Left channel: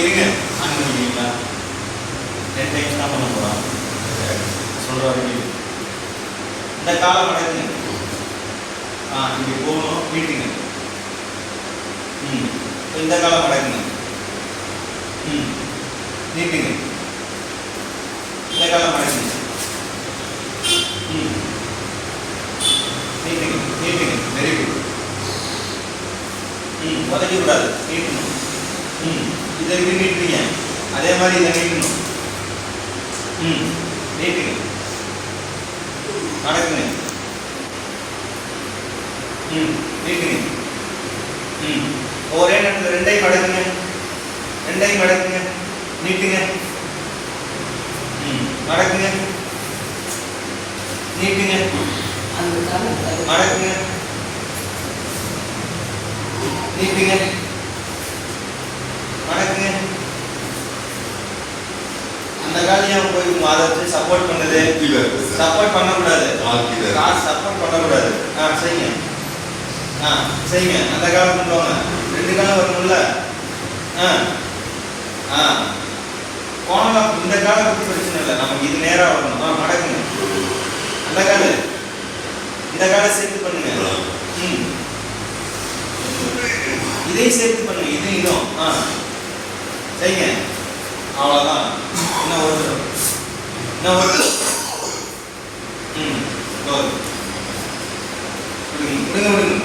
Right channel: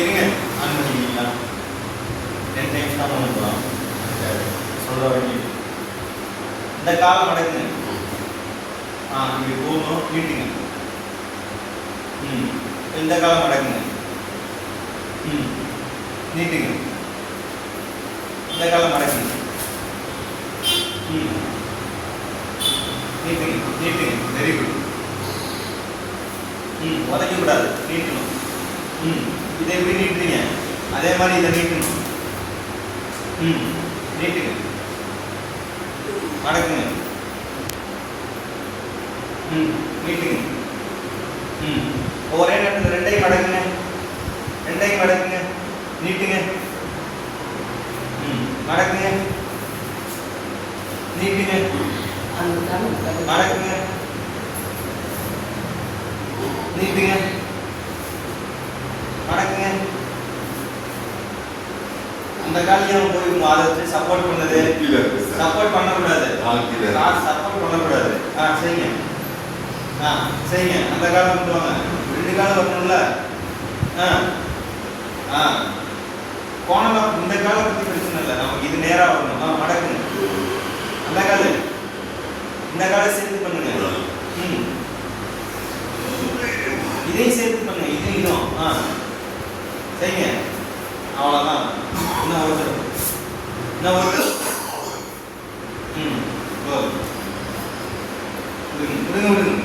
இருங்க ஆன் பண்ணிக்கிறீங்களா? 10 டைம்ஸ் தான் பண்ண போகிறோம். சொல்கிற வரைக்கும் இந்த காலை மடக்குங்க. இப்படி போகணும், நீட்டுங்க. இந்த காலை மடக்குங்க. நீட்டுங்க. இந்த காலை மடக்குங்க. நீட்டுங்க நீட்டுங்க. Very good. உதைக்கக்கூடாது, நீட்டணும். இதை எப்படி நீட்டுறீங்க அதே மாதிரி இதை நீட்டணும். நீட்டுங்க, மடக்குங்க. நீட்டுங்க. ஒரே நேரத்தில் ரெண்டையும் மடக்குங்க. ரெண்டையும் மடக்குங்க. நீட்டுங்க. மடக்குங்க. நீட்டுங்க. மடக்குங்க. நீட்டுங்க. மடக்குங்க. அந்த காலியம் போய் அதை சப்போர்ட் பண்ணது. சப்போர்ட் பண்ணக்கூடாது. சப்போர்ட் பண்ணக்கூடாது. செய்யுங்க. செய்யுங்க. அந்த காலம் கொண்டு வாங்க. 2 காலம் வரணும்ல. கோணலாம் இந்த காலை பற்றி பிரச்சனை இல்லை, நமக்கு இது நேராக வரணும். மடக்குங்க. அந்த காலு இந்த காலை சேர்த்து பண்ணுங்க. இதையும் சேர்த்து பண்ணுங்க. இதுவும் செய்யுங்க. அவ்வளோதான். இன்னும் ஒரு தடவை. இன்னும் ஒரு தடவை. கொடுங்க. விடுங்க விடுங்க.